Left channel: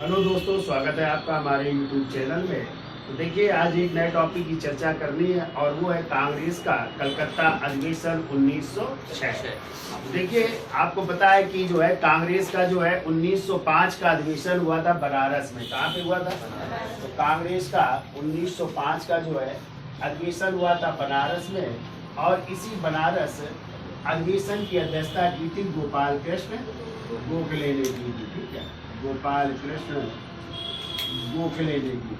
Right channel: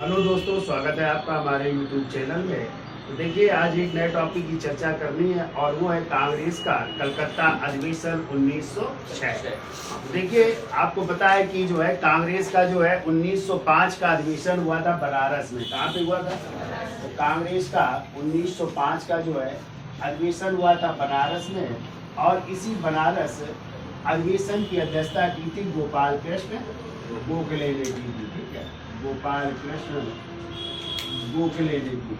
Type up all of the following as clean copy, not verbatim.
Hello दोस्तों, स्वागत है आपका हमारे YouTube चैनल में। तो देखिए, आज एक नए टॉपिक की चर्चा करनी है और वो है कांग्रेस का कलकत्ता अधिवेशन 1906। तो देखिए, आपको पता है कि जो है कांग्रेस का जो है 1905 का अधिवेशन हुआ था बनारस में। कहाँ पे हुआ था? तो कांग्रेस का 1905 का जो है अधिवेशन हुआ था बनारस में, और इसी बनारस अधिवेशन की अध्यक्षता की थी गोपाल कृष्ण गोखले ने की थी। ठीक है, गोपाल कृष्ण गोखले ने की।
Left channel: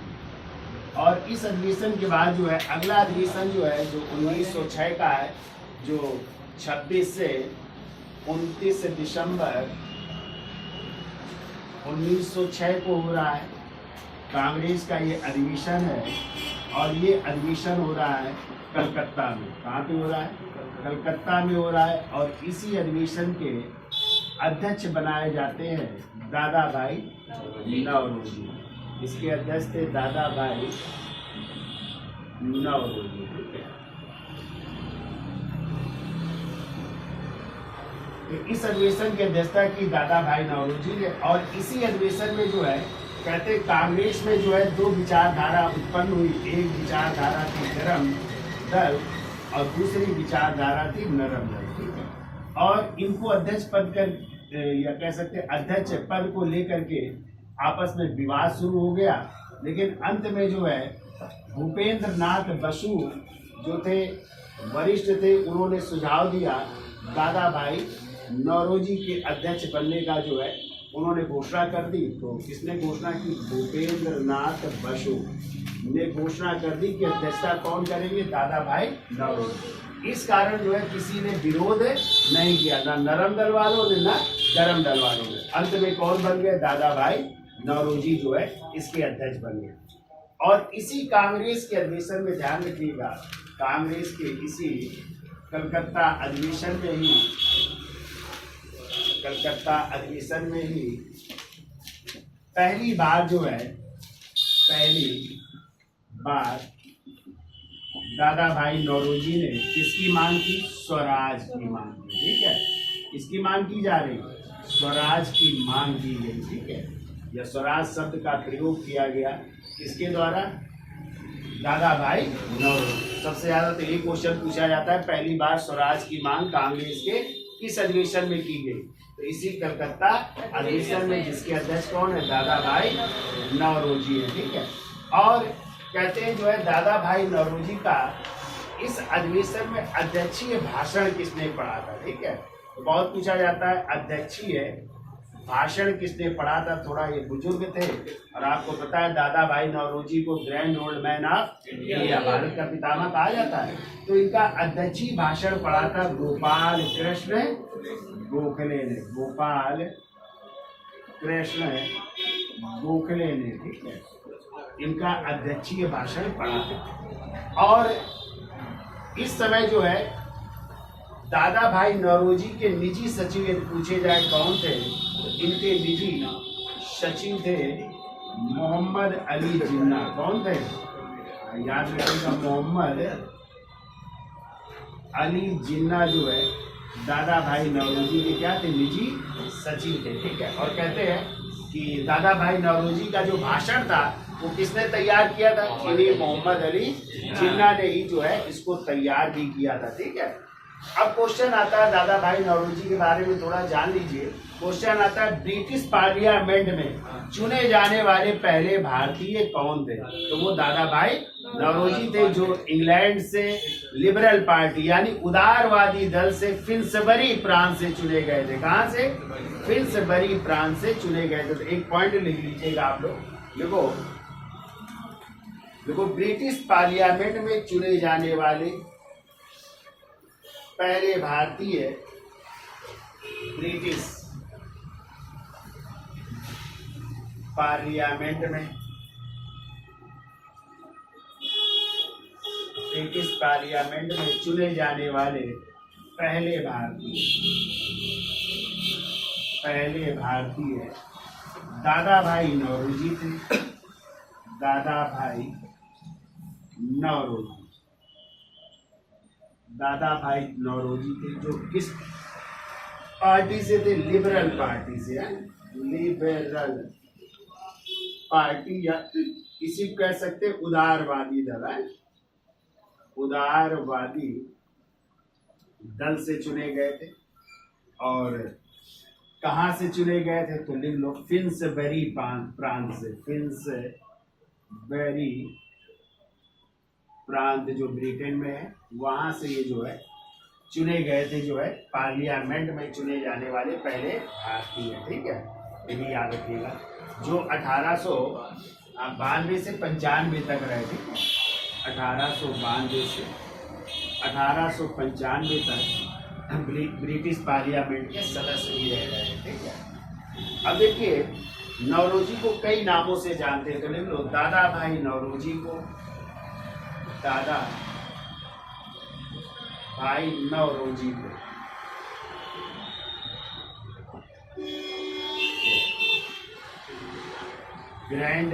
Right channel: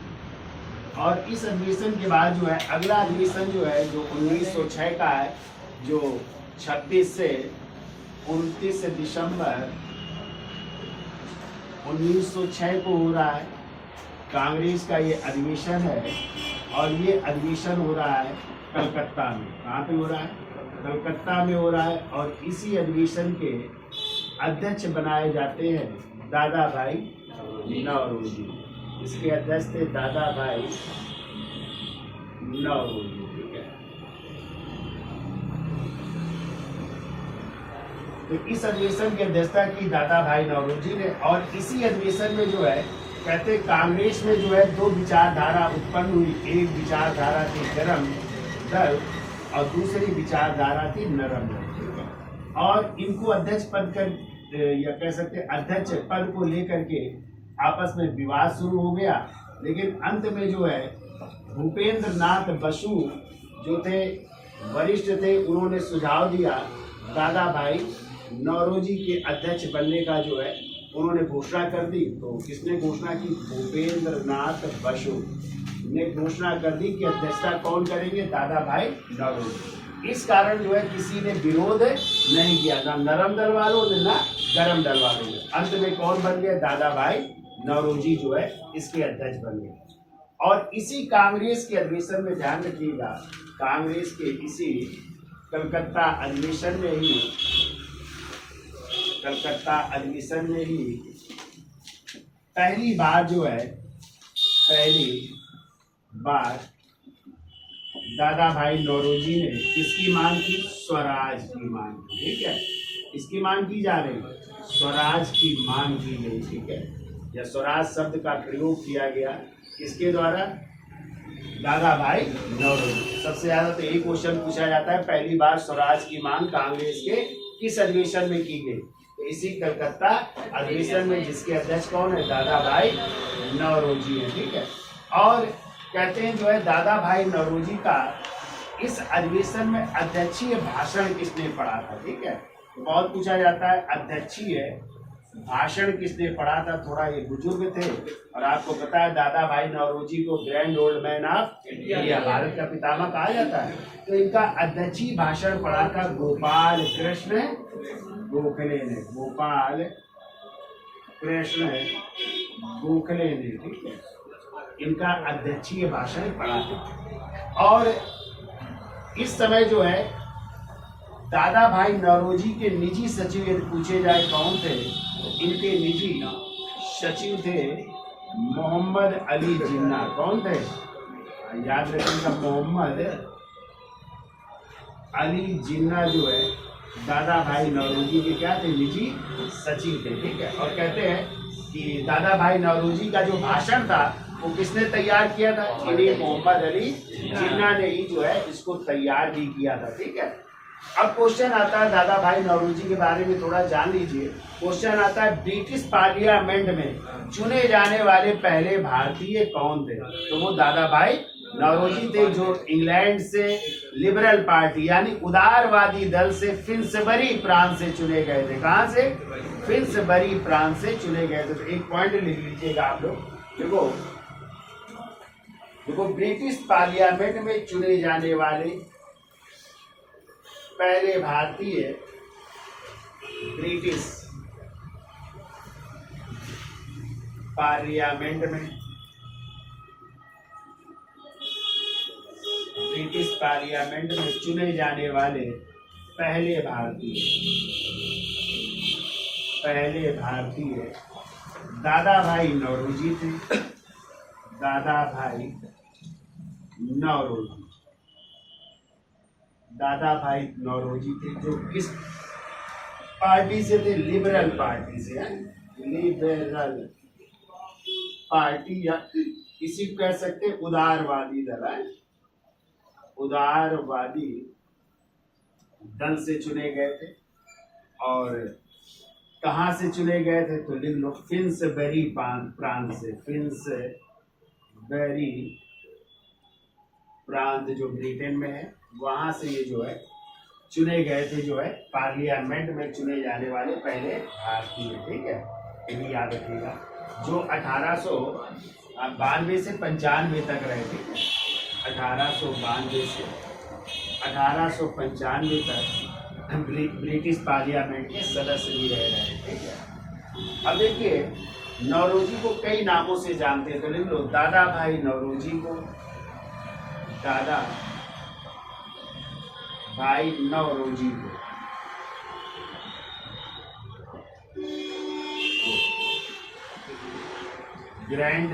और इस अधिवेशन के बाद जो है अगला अधिवेशन जो है जो 1906 का है, जो 26 से 29 दिसंबर 1906 को हो रहा है। कांग्रेस का ये अधिवेशन है और ये अधिवेशन हो रहा है कलकत्ता में। कहाँ पे हो रहा है? कलकत्ता में हो रहा है। और इसी अधिवेशन के अध्यक्ष बनाए जाते हैं दादा भाई नौरोजी। इसके अध्यक्ष थे दादा भाई नौरोजी। ठीक है, तो इस अधिवेशन की अध्यक्षता की दादा भाई नौरोजी ने। और इसी अधिवेशन में जो है कहते कांग्रेस में जो है दो विचारधारा उत्पन्न हुई। एक विचारधारा थी गरम दल और दूसरी विचारधारा थी नरम दल। ठीक है, और इनको अध्यक्ष पद कर या कह सकते अध्यक्ष पद को लेकर के आपस में विवाद शुरू हो गया। लेकिन अंत में जो है भूपेंद्र नाथ बसु जो थे वरिष्ठ थे, उन्होंने सुझाव दिया दादा भाई नौरोजी के अध्यक्ष बनने का जो है उन्होंने घोषणा कर दी। तो किसने घोषणा की? भूपेंद्र नाथ बसु ने घोषणा कर दी कि अध्यक्षता कौन करेंगे? दादा भाई नौरोजी। इस कारण जो है किसी ने विरोध नहीं किया, ना नरम दल वालों ने ना गरम दल वालों ने। अंत में कौन बन गए? दादा भाई नौरोजी जो है इसके अध्यक्ष बन गए। और इसी कांग्रेस के अधिवेशन में ध्यान रखिएगा, कांग्रेस के इसी कलकत्ता अधिवेशन में ही पहली बार दादा भाई नौरोजी ने किसकी मांग की? स्वराज की मांग की। ठीक है, इसकी मांग की जा रही है, स्वराज की मांग की गई। ठीक है, या स्वराज शब्द का प्रयोग किया गया किसके द्वारा? दादा भाई नौरोजी। सबसे ज्यादा तो यही क्वेश्चन पूछा जाता है, पहली बार स्वराज की मांग कांग्रेस के किस अधिवेशन में की गई? तो इसी कलकत्ता अधिवेशन में, जिसके अध्यक्ष कौन है? दादा भाई नौरोजी है। ठीक है, और कहते हैं जो है दादा भाई नौरोजी का इस अधिवेशन में अध्यक्षीय भाषण किसने पढ़ा था? ठीक है, तो बहुत पूछा जाता है अध्यक्षीय भाषण किसने पढ़ा था। थोड़ा ये बुजुर्ग थे, और आपको पता है दादा भाई नौरोजी को grand old man of India, Bharat का पितामह कहा जाता है। तो इनका अध्यक्षीय भाषण पढ़ा था गोपाल कृष्ण गोखले ने। गोपाल कृष्ण गोखले ने। ठीक है, इनका अध्यक्षीय भाषण पढ़ा था। और इस समय जो है दादा भाई नौरोजी के निजी सचिव यदि पूछे जाए कौन थे, तो इनके निजी सचिव थे मोहम्मद अली जिन्ना। कौन थे? याद रखिएगा, मोहम्मद अली जिन्ना जो है दादा भाई नौरोजी के क्या थे? निजी सचिव थे। ठीक है, और कहते हैं कि दादा भाई नौरोजी का जो भाषण था वो किसने तैयार किया था? इन्हीं मोहम्मद अली जिन्ना ने ही जो है इसको तैयार भी किया था। ठीक है, अब क्वेश्चन आता है दादा भाई नौरोजी के बारे में थोड़ा जान लीजिए। क्वेश्चन आता है ब्रिटिश पार्लियामेंट में चुने जाने वाले पहले भारतीय कौन थे? तो वो दादा भाई नौरोजी थे, जो इंग्लैंड से लिबरल पार्टी यानी उदारवादी दल से फिन्सबरी प्रांत से चुने गए थे। कहां से? फिन्सबरी प्रांत से चुने गए थे। तो एक पॉइंट लिख लीजिएगा आप लोग। देखो, ब्रिटिश पार्लियामेंट में चुने जाने वाले पहले भारतीय ब्रिटिश पार्लियामेंट में चुने जाने वाले पहले भारतीय दादा भाई नौरोजी थे। दादा भाई नौरोजी थे, जो किस पार्टी से थे? लिबरल पार्टी से। लिबरल पार्टी या किसी को कह सकते हैं उदारवादी दल है, उदारवादी दल से चुने गए थे। और कहाँ से चुने गए थे तो लिख लो फिन्सबरी प्रांत से, फिन्सबरी प्रांत जो ब्रिटेन में है वहां से ये जो है चुने गए थे, जो है पार्लियामेंट में चुने जाने वाले पहले भारतीय। ठीक है, ये भी याद रखिएगा। जो 1892 से 95 तक रहे थे, 1892 से 1895 तक ब्रिटिश पार्लियामेंट के सदस्य भी रह रहे हैं। ठीक है, अब देखिए नौरोजी को कई नामों से जानते हैं, तो लिख लो दादा भाई नौरोजी को, दादा भाई नौरोजी को grand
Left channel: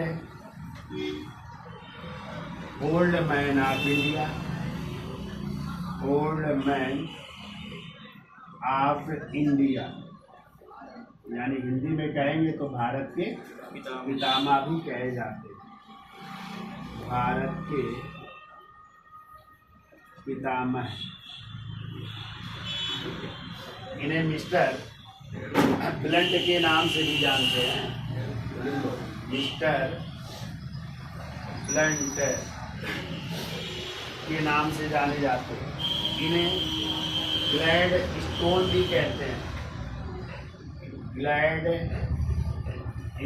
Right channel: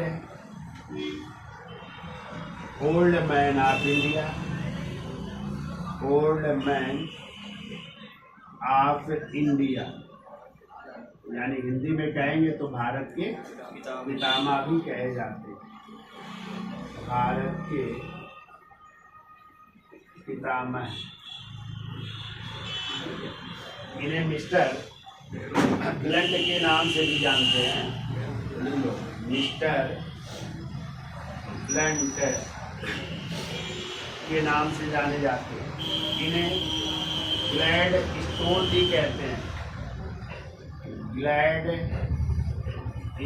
old man of India, old man of India, यानी हिंदी में कहेंगे तो भारत के पितामह भी कहे जाते हैं, भारत के पितामह। इन्हें मिस्टर ब्लंट के नाम से भी जानते हैं, मिस्टर ब्लंट के नाम से जाने जाते हैं। इन्हें ग्लैड स्टोन भी कहते हैं, ग्लैड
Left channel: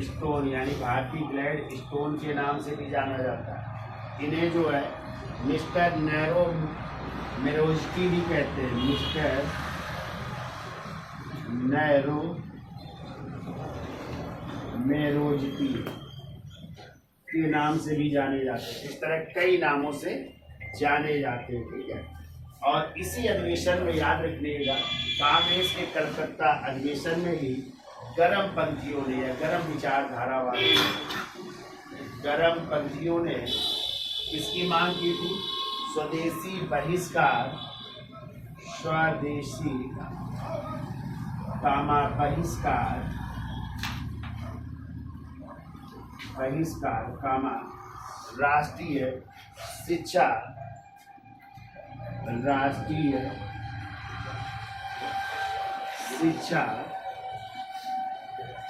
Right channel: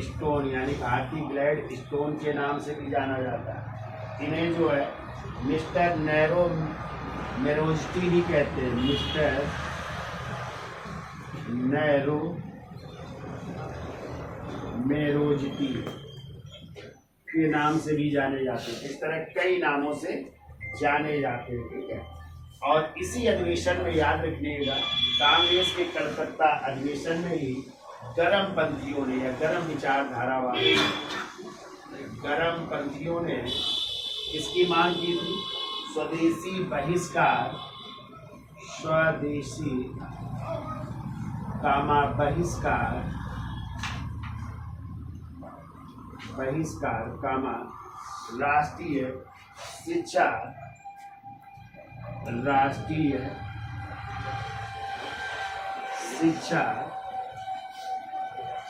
स्टोन यानी भारतीय ग्लैड स्टोन के नाम से भी जाना जाता है। इन्हें जो है मिस्टर नैरो मेरोजिटी भी कहते हैं, मिस्टर नैरो मेरोजिटी के नाम से भी जाने जाते हैं। इस तरह कई नामों से जाने जाते हैं। ठीक है, और इसी अधिवेशन में याद रखिएगा, कांग्रेस के कलकत्ता अधिवेशन में ही गरम पंथियों ने या गरम विचारधारा वाले गरम पंथियों ने किसकी मांग की थी? स्वदेशी बहिष्कार, स्वदेशी बहिष्कार, बहिष्कार राष्ट्रीय शिक्षा, राष्ट्रीय शिक्षा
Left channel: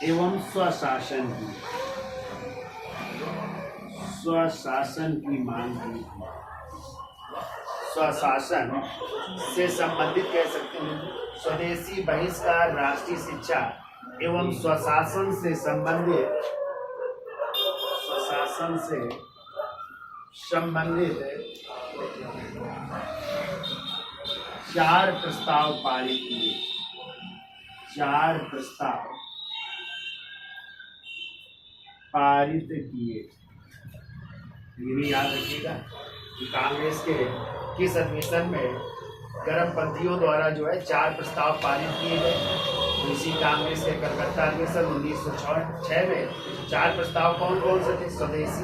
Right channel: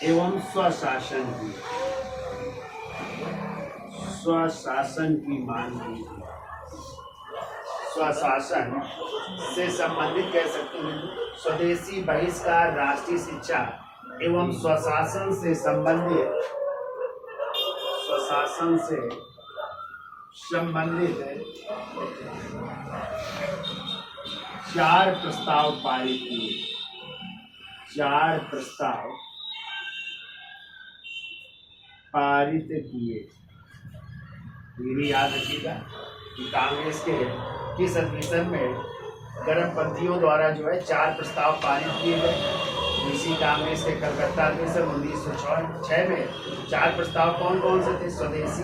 एवं स्वशासन की मांग की। स्वशासन से संबंधित कह सकते हैं, स्वदेशी बहिष्कार, राष्ट्रीय शिक्षा एवं स्वशासन से संबंधित, स्वशासन से संबंधित 4 प्रस्ताव पारित किए, 4 प्रस्ताव पारित किए। ये भी याद रखिएगा कि कांग्रेस के किस अधिवेशन में गरमपंथियों द्वारा जो है 4 प्रस्ताव पारित किए गए। तो इसी कांग्रेस के कलकत्ता अधिवेशन 1906 में 4 प्रस्ताव कौन कौन से थे? स्वदेशी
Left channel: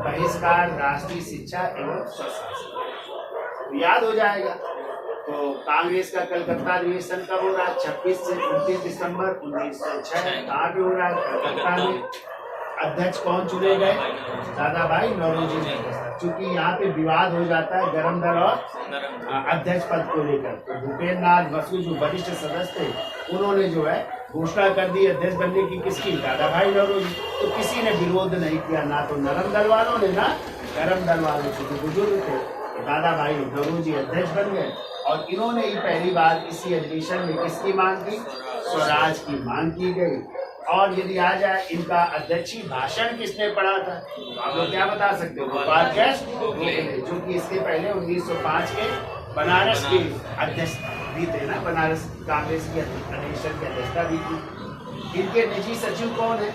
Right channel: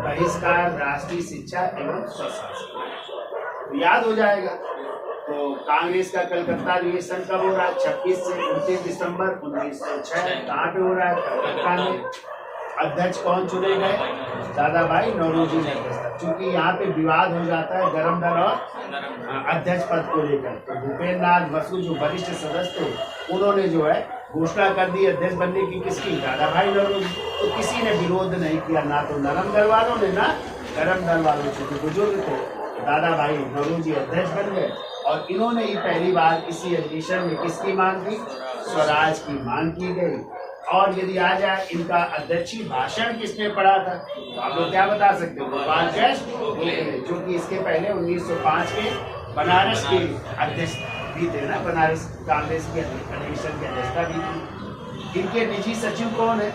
बहिष्कार, राष्ट्रीय शिक्षा एवं स्वशासन। याद हो जाएगा। तो कांग्रेस का कलकत्ता अधिवेशन कब हो रहा है? 26 से 29 दिसंबर 1906। कहाँ पे हो रहा है? कलकत्ता में। अध्यक्ष कौन चुने गए? दादा भाई नौरोजी ने। चूंकि यहाँ पे विवाद हो जाता है गरम दल और अध्यक्ष पद को लेकर, तो भूपेंद्र नाथ बसु जो वरिष्ठ सदस्य थे उन्होंने जो है घोषणा कर दी अध्यक्ष बनने की, किसकी? दादा भाई नौरोजी। तो किसी ने विरोध नहीं किया, ना तो नरम दल वालों ने ना गरम दल वालों से। जो बुजुर्ग थे दादा भाई नौरोजी अध्यक्ष बन गए और इन्होंने ही पहली बार इसी अधिवेशन में किसकी मांग की? स्वराज की मांग की गई। और यदि आ जाए इनका अध्यक्षीय भाषण किसने पढ़ा था, तो आप लोग क्या बता सकते हो? गोपाल कृष्ण गोखले, जो कि इसके पहले 1905 के बनारस के अध्यक्ष भी थे ना, बनारस कांग्रेस की अधिवेशन की अध्यक्षता भी थी। इनके निजी सचिव कौन है?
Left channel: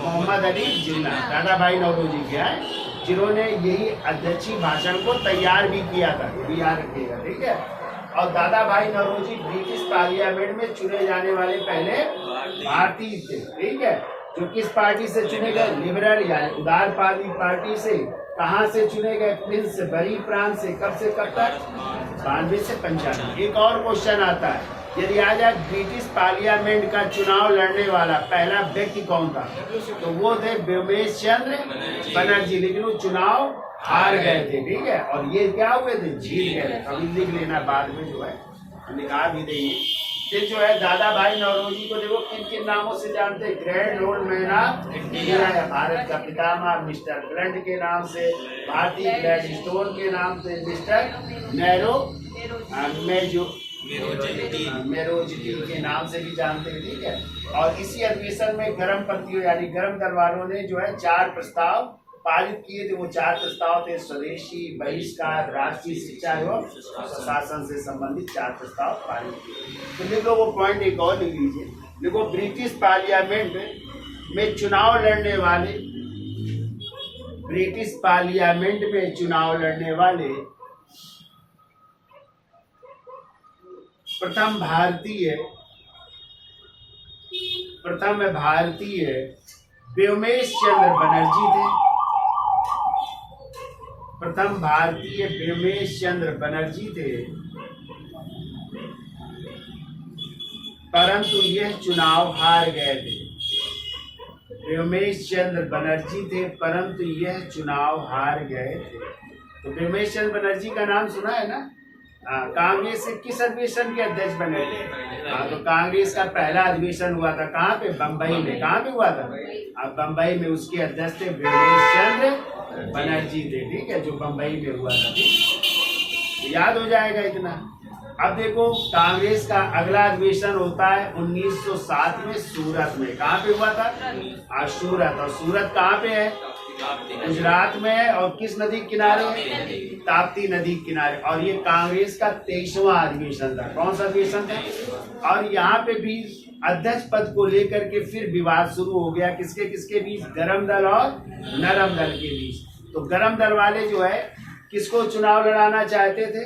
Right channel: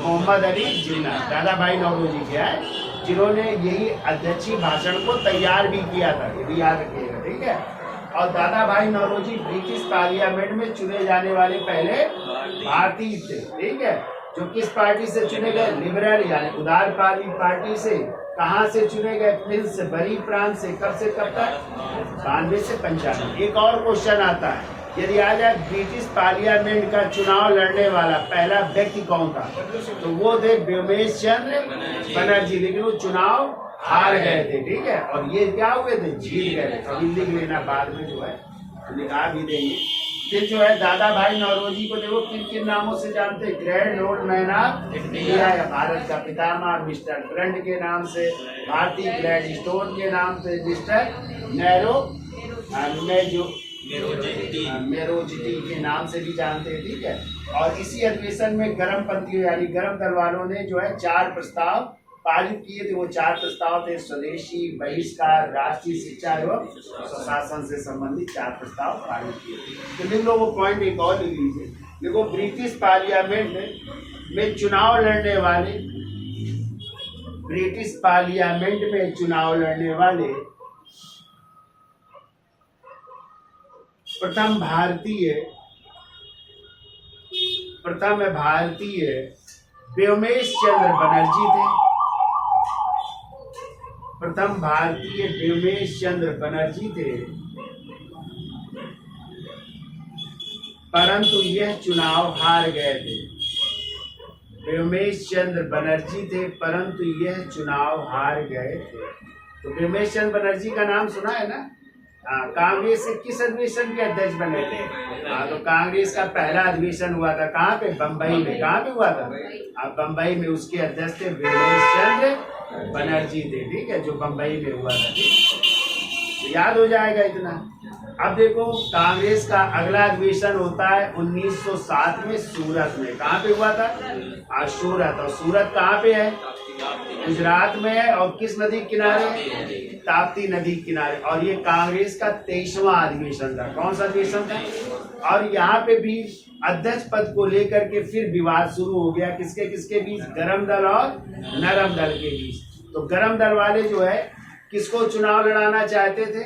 मोहम्मद अली जिन्ना, दादा भाई नौरोजी के हैं, जिन्होंने यही अध्यक्षीय भाषण को तैयार भी किया था। ये भी याद रखिएगा, ठीक है। और दादा भाई नौरोजी ब्रिटिश पार्लियामेंट में चुने जाने वाले पहले भारतीय थे, ठीक है। जो किस पार्टी से चुने गए? लिबरल यानी उदारवादी पार्टी से। कहाँ से चुने गए? फिन्सबरी प्रांत से। कब से कब तक? 92 से 95। एक और क्वेश्चन आता है यदि आ जाए ब्रिटिश पार्लियामेंट का चुनाव लड़ने वाला पहला व्यक्ति कौन था, तो वो थे व्योमेश चंद्र बनर्जी, लेकिन वो चुनाव हार गए थे, ठीक है। और ये क्या हुए थे, जीत गए थे। अभी लिख लेना, बाद में जो है निकाल भी देंगे। फिर जो है दादा भाई नौरोजी को देखो किन किन नामों से जानते हैं, grand old man of India या भारत का पितामह, मिस्टर ब्रंट के नाम से, भारतीय ग्लैडस्टोन के नाम से, मिस्टर मेरोजिटी के नाम से भी जानते हैं, ठीक है। और इसी अधिवेशन में गर्म पंथियों यानी गर्म दल वालों ने जो है 4 प्रस्ताव पारित किए थे। वो 4 प्रस्ताव थे, स्वदेशी, बहिष्कार, राष्ट्रीय शिक्षा एवं स्वशासन से संबंधित 4 प्रस्ताव पारित किए। तो लिख लो वो पॉइंट, एक और लिख लीजिए। देखो ब्रिटिश पार्लियामेंट में चुनाव लड़ने वाले, ब्रिटिश पार्लियामेंट में चुनाव लड़ने वाले प्रथम भारतीय व्योमेश चंद्र बनर्जी थे। प्रथम भारतीय व्योमेश चंद्र बनर्जी थे, परंतु यह चुनाव हार गए थे। व्योमेश चंद्र बनर्जी थे, परंतु यह चुनाव हार गए थे। तो व्योमेश चंद्र बनर्जी का नाम सुना है ना। कांग्रेस से किस अधिवेशन के अध्यक्ष बने थे? तो कांग्रेस का पहला अधिवेशन हुआ था कहाँ पे, बम्बई में। कहाँ पे हुआ था? बम्बई में। उसके अध्यक्ष थे व्योमेश चंद्र बनर्जी थे, ठीक है, जो बम्बई में हुआ था, ठीक। तो याद हो जाएगा इतना। अब देखो कांग्रेस का अगला अधिवेशन होता है 1907 में सूरत में। कहाँ पे हुआ था? सूरत। और सूरत कहाँ पे है? गुजरात में है। और किस नदी किनारे है? ताप्ती नदी किनारे। और ये कांग्रेस का 23वां अधिवेशन था। कौन सा अधिवेशन था? और यहाँ पे भी अध्यक्ष पद को लेकर के फिर विवाद शुरू हो गया। किसके किसके बीच? गरम दल और नरम दल के बीच। तो गरम दल वाले जो है किसको चुनाव लड़ाना चाहते थे?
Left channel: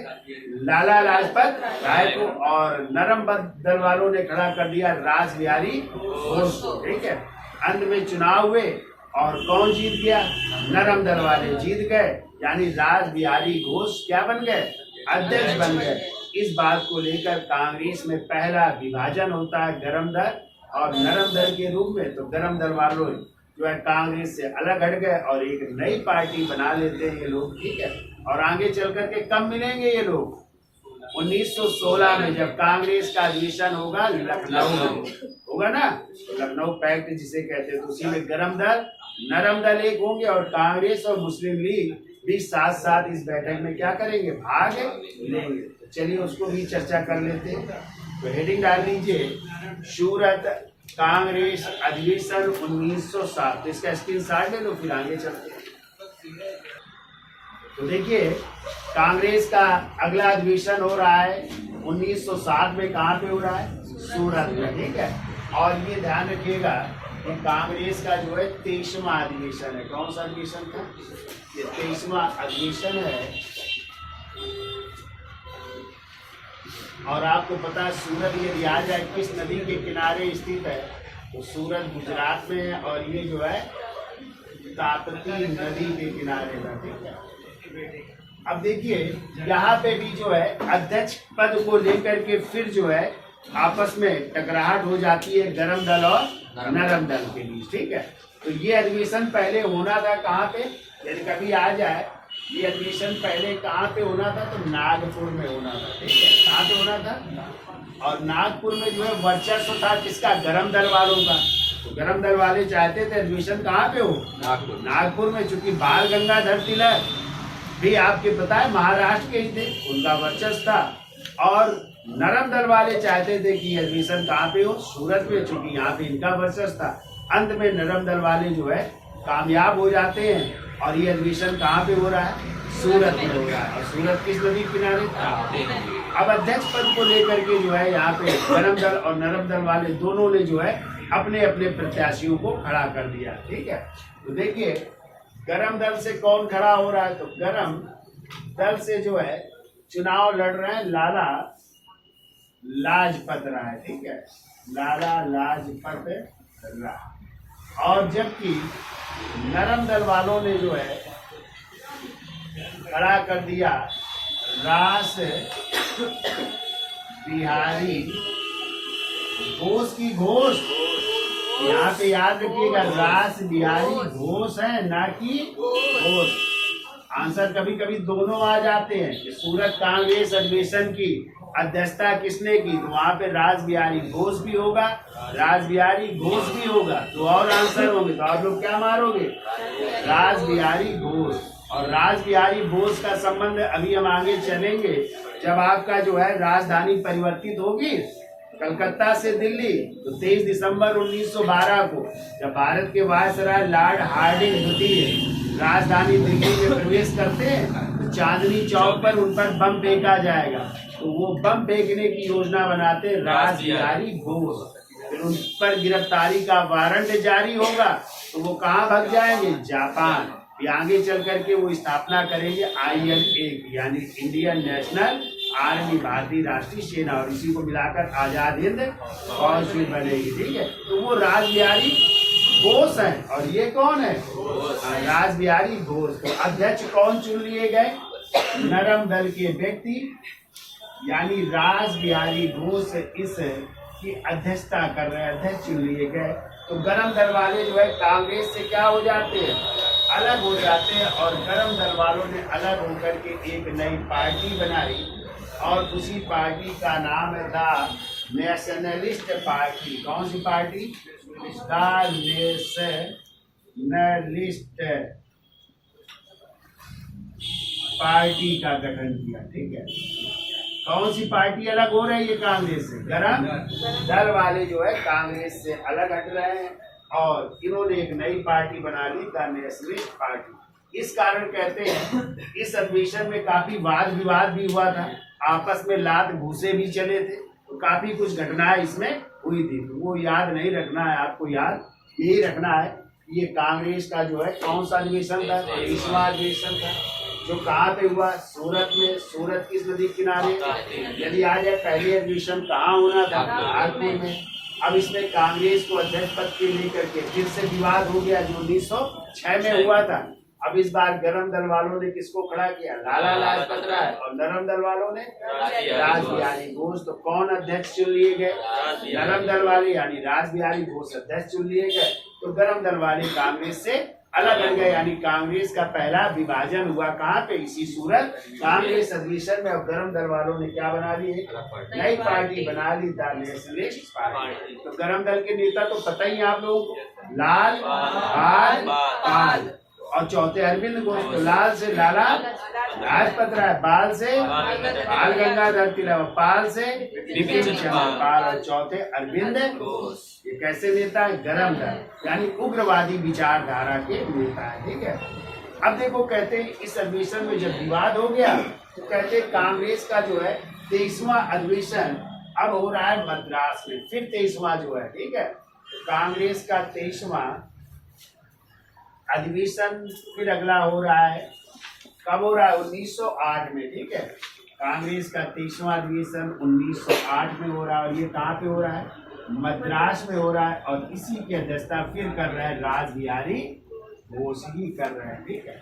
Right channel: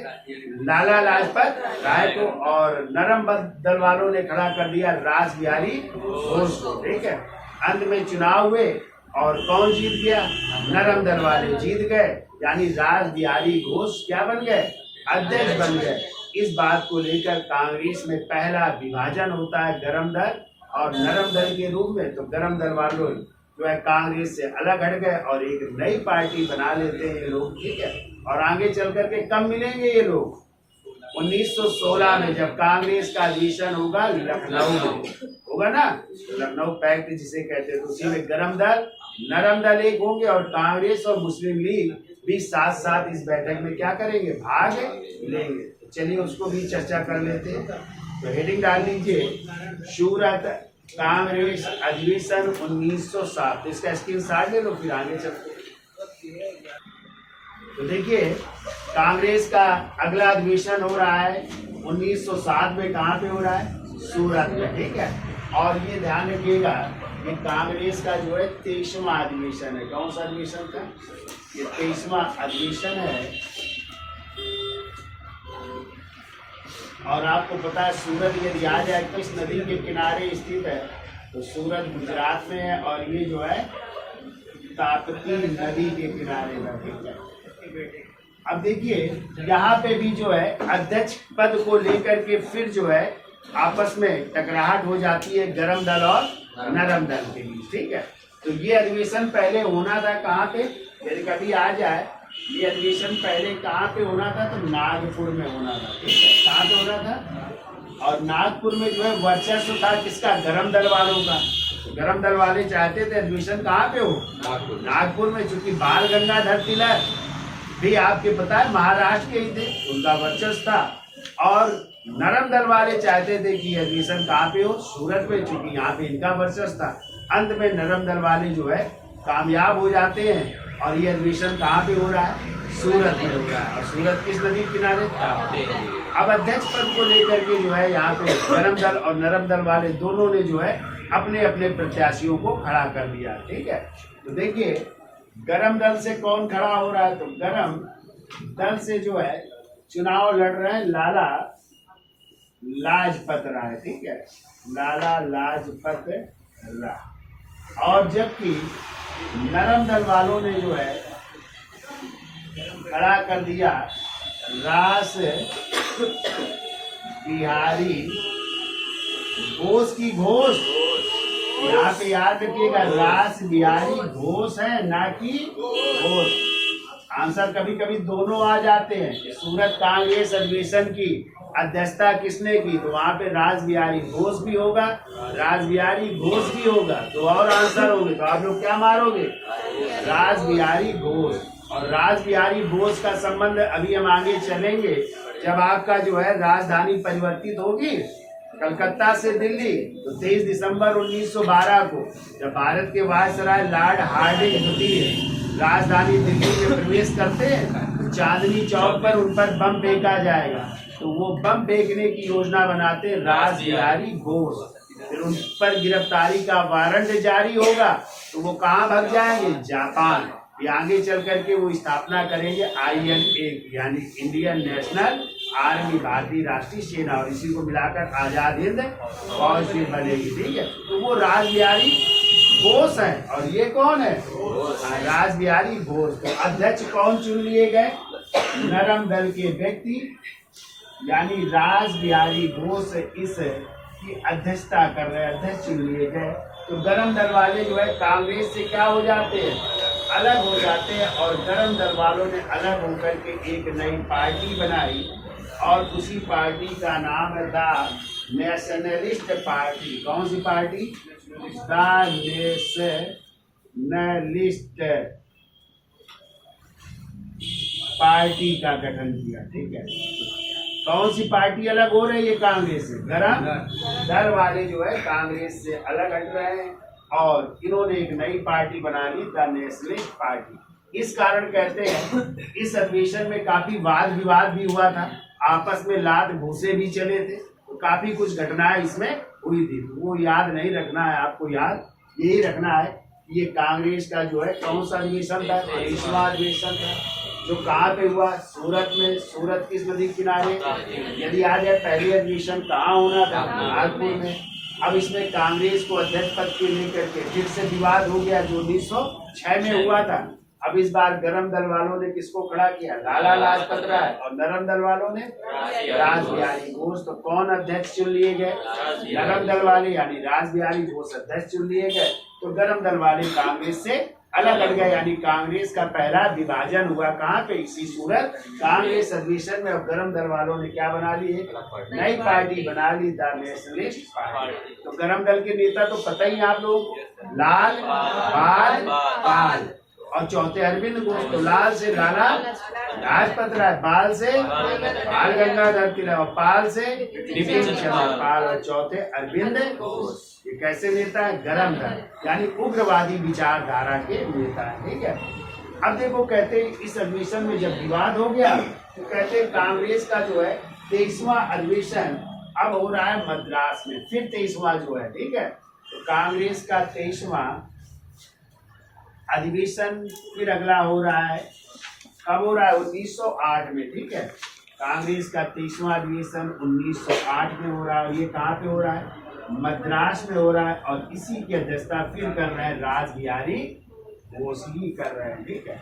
लाला लाजपत राय को। और नरम दल वालों ने खड़ा कर दिया रास बिहारी घोष को, ठीक है। अंत में चुनाव हुए और कौन जीत गया? नरम दल वाले जीत गए, यानी रास बिहारी घोष क्या बन गए? अध्यक्ष बन गए। इस बात को लेकर कांग्रेस में पहला विभाजन होता है गरम दल और नरम दल के रूप में। तो गरम दल वालों जो है कांग्रेस से अलग हट गए और एक नई पार्टी बना लेते हैं ये लोग, ठीक है। और आगे चल करके कब मिलेंगे ये लोग? 1916 में, जब कांग्रेस का अधिवेशन होगा लखनऊ में, होगा ना, लखनऊ पैक्ट जिसे कहते हैं। तो उसी में गरम दल नरम दल एक होंगे और कांग्रेस और मुस्लिम लीग भी साथ साथ इस बैठक में क्या करेंगे? भाग लेंगे। तो चलिए उसको भी चर्चा कर लेते हैं। तो हेडिंग डाल लीजिए, सूरत कांग्रेस अधिवेशन 1907। तो इसका स्क्रीनशॉट ले लो, फिर आगे चलते हैं। तो देखिए कांग्रेस का अगला अधिवेशन हो रहा है 1907 में। कहाँ पे हो रहा है? सूरत में, ठीक है। और ये ध्यान रखिएगा कि कांग्रेस का जो है 23वां अधिवेशन है। कौन सा अधिवेशन था? ये 23वां अधिवेशन है। और आपको पता है सूरत यदि आ जाए किस नदी के किनारे स्थित है? तो सूरत गुजरात में है और ये जो है ताप्ती नदी के किनारे है, ठीक है। अब देखिए यहाँ पे भी जो है अध्यक्ष पद को लेकर के फिर जो है आपस में टकराहट हो जाती है गरम दल और नरम दल के बीच, ठीक है। तो ये अधिवेशन पहले होना था कहाँ पे? यदि कभी आ जाए ये अधिवेशन पहले कहाँ पे होना था? तो नागपुर में होना था, ठीक है। कहाँ पे होना था? और नागपुर में जो है वर्चस्व था किसका? गरम दल वालों का। तो गरम दल वाले चाहते थे अधिवेशन कहाँ पे हो? नागपुर में। चूंकि बाल गंगाधर तिलक भी आपके पता है महाराष्ट्र के ही थे, उनका वर्चस्व था। और नरम दल वाले चाहते थे कि अधिवेशन कहाँ पे हो? सूरत में, चूंकि यहाँ पे इनका वर्चस्व था। अंत में नरम दल वाले जो है कामयाब हो जाते हैं और ये अधिवेशन कहाँ पे हो रहा है? सूरत में हो रहा है। और सूरत किस नदी किनारे? अब अध्यक्ष पद को लेकर के जो है यहाँ पे गरम दल और नरम दल वाले दोनों ने जो है अपने अपने प्रत्याशियों को खड़ा कर दिया, ठीक है। तो देखिए गरम दल से कौन खड़ा हो रहा है? तो गरम दल से जो है चुनाव लड़ रहे हैं लाला लाजपत राय, ठीक है, लाला लाजपत राय। और जबकि नरम दल वालों ने जो है खड़ा कर दिया रास बिहारी घोष की घोष, यहाँ पे याद रखिएगा रास बिहारी घोष है ना कि घोष। आंसर कभी कभी दोनों आ जाते हैं कि सूरत कांग्रेस अधिवेशन की अध्यक्षता किसने की, तो वहां पे रास बिहारी घोष भी होगा, रास बिहारी घोष भी होगा, तो और आंसर होंगे। तो आप लोग क्या मारोगे, रास बिहारी घोष। और रास बिहारी घोष का संबंध अभी हम आगे चलेंगे जब आपका जो है राजधानी परिवर्तित होगी कलकत्ता से दिल्ली, तो 23 दिसंबर 1912 को जब भारत के वायसराय लॉर्ड हार्डिंग द्वितीय राजधानी दिल्ली में प्रवेश करते हैं तो चांदनी चौक पर उन पर बम फेंका जाएगा। तो वो बम फेंकने की योजना बनाते रास बिहारी घोष। फिर उन पर गिरफ्तारी का वारंट जारी होगा तो वो कहाँ भाग जाएंगे, जापान। फिर आगे चल करके वो स्थापना करेंगे INA यानी इंडियन नेशनल आर्मी, भारतीय राष्ट्रीय सेना, और इसी को मिलाकर आजाद हिंद फौज फिर बनेगी। ठीक है, तो वो रास बिहारी घोष है। और ये कौन है, रास बिहारी घोष। तो अध्यक्ष कौन चुन लिए गए, नरम दल के व्यक्ति यानी रास बिहारी घोष इस की अध्यक्षता कर रहे हैं, अध्यक्ष चुन लिए गए। तो गरम दल वाले जो है कांग्रेस से क्या हो जाते हैं, अलग हो जाते हैं, और गरम दल वालों ने अलग होकर के एक नई पार्टी बनाई और उसी पार्टी का नाम था नेशनलिस्ट पार्टी। कौन सी पार्टी, नेशनलिस्ट पार्टी का गठन किया। ठीक है, कौन सी पार्टी अलग हो रही है कांग्रेस से, गरम दल वाले जो है कांग्रेस से अलग हट रहे हैं और इन्होंने एक नई पार्टी बना ली, द नेशनलिस्ट पार्टी। इस कारण कहते हैं इस अधिवेशन में काफी वाद विवाद भी हुआ था, आपस में लात घूसे भी चले थे, तो काफी कुछ घटनाएं इसमें हुई थी। तो वो याद नहीं रखना है, आपको याद यही रखना है कि ये कांग्रेस का जो है कौन सा अधिवेशन था, 23वां अधिवेशन था, जो कहाँ पे हुआ, सूरत में। सूरत किस नदी किनारे, यदि आ जाए पहले अधिवेशन कहाँ होना था, नागपुर में। अब इसमें कांग्रेस को अध्यक्ष पद के लेकर के फिर से विवाद हो गया जो 1906 में हुआ था। अब इस बार गरम दल वालों ने किसको खड़ा किया, लाला लाजपत राय, और नरम दल वालों ने रास बिहारी घोष। तो कौन अध्यक्ष चुन लिए गए, नरम दल वाले यानी रास बिहारी घोष अध्यक्ष चुन लिए गए। तो गरम दल वाले कांग्रेस से अलग हट गए, यानी कांग्रेस का पहला विभाजन हुआ कहाँ पे, इसी सूरत कांग्रेस अधिवेशन में। और गरम दल वालों ने क्या बना ली, एक नई पार्टी बना ली, द नेशनलिस्ट पार्टी। तो गरम दल के नेता तो पता ही आप लोगों को, लाल बाल पाल, और चौथे अरविंद घोष। तो लाल से लाला लाजपत राय, बाल से बाल गंगाधर तिलक, और पाल से बिपिन चंद्र पाल, और चौथे अरविंद घोष। ये कैसे नेता है, गरम दल यानी उग्रवादी विचारधारा के नेता है। ठीक है, अब देखो कहते हैं इस अधिवेशन में जब विवाद हो गया तो कहते हैं कांग्रेस का जो है 23वां अधिवेशन अब हो रहा है मद्रास में, फिर 23वां जो है। ठीक है, तो कांग्रेस का 23वां अधिवेशन फिर अगला हो रहा है, कब हो रहा है, 1908 में। ठीक है, कांग्रेस का 23वां अधिवेशन 1908 में हो रहा है, और ये कहाँ पे हो रहा है, मद्रास में हो रहा है। और इसी की अध्यक्षता फिर कर रहे हैं रास बिहारी घोष ही कर रहे हैं। ठीक है,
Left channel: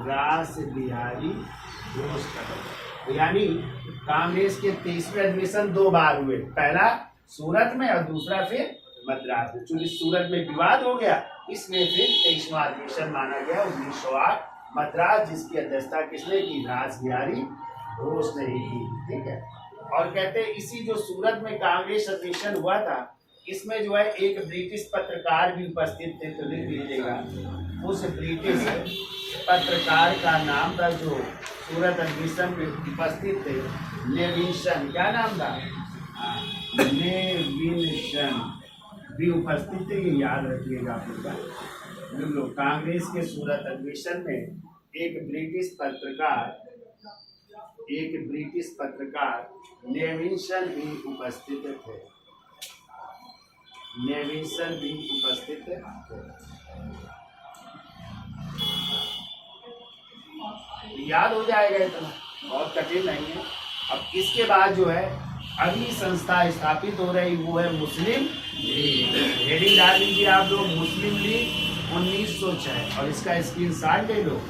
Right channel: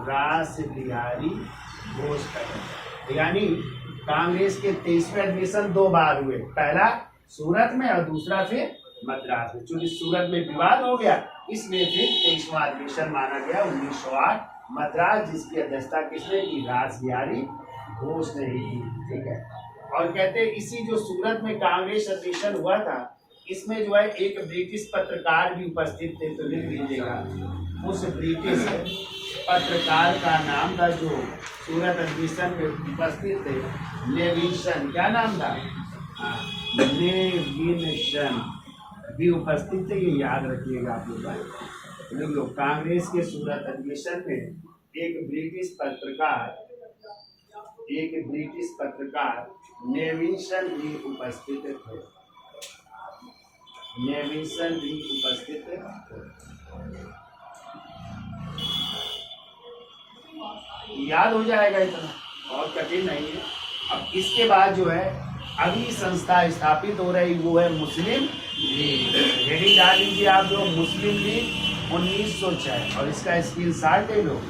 रास बिहारी घोष कर रहे हैं। यानी कांग्रेस के 23वें अधिवेशन 2 बार हुए, पहला सूरत में और दूसरा फिर मद्रास में। चूंकि सूरत में विवाद हो गया इसलिए फिर 23वां अधिवेशन माना गया 1908 मद्रास, जिसकी अध्यक्षता किसने की, रास बिहारी घोष ने ही की। ठीक है, और कहते हैं इसी जो सूरत में कांग्रेस अधिवेशन हुआ था इसमें जो है एक ब्रिटिश पत्रकार भी उपस्थित थे, तो लिख लीजिएगा। उस ब्रिटिश पत्रकार का नाम था जो सूरत अधिवेशन में उपस्थित थे, नेविंसन। क्या नाम था, नेविंसन भी उपस्थित थे, ये याद रखिएगा आप लोग। कांग्रेस के सूरत अधिवेशन में एक ब्रिटिश पत्रकार नेविंसन भी उपस्थित थे, नेविंसन भी उपस्थित थे। याद हो जाएगा, इतना बहुत कठिन नहीं है। अब इसके बाद जो है अगली संस्था स्थापित हो रही वो है मुस्लिम लीग। हेडिंग डाल लीजिए आप लोग, मुस्लिम लीग 1906, और इसका स्क्रीनशॉट ले लो।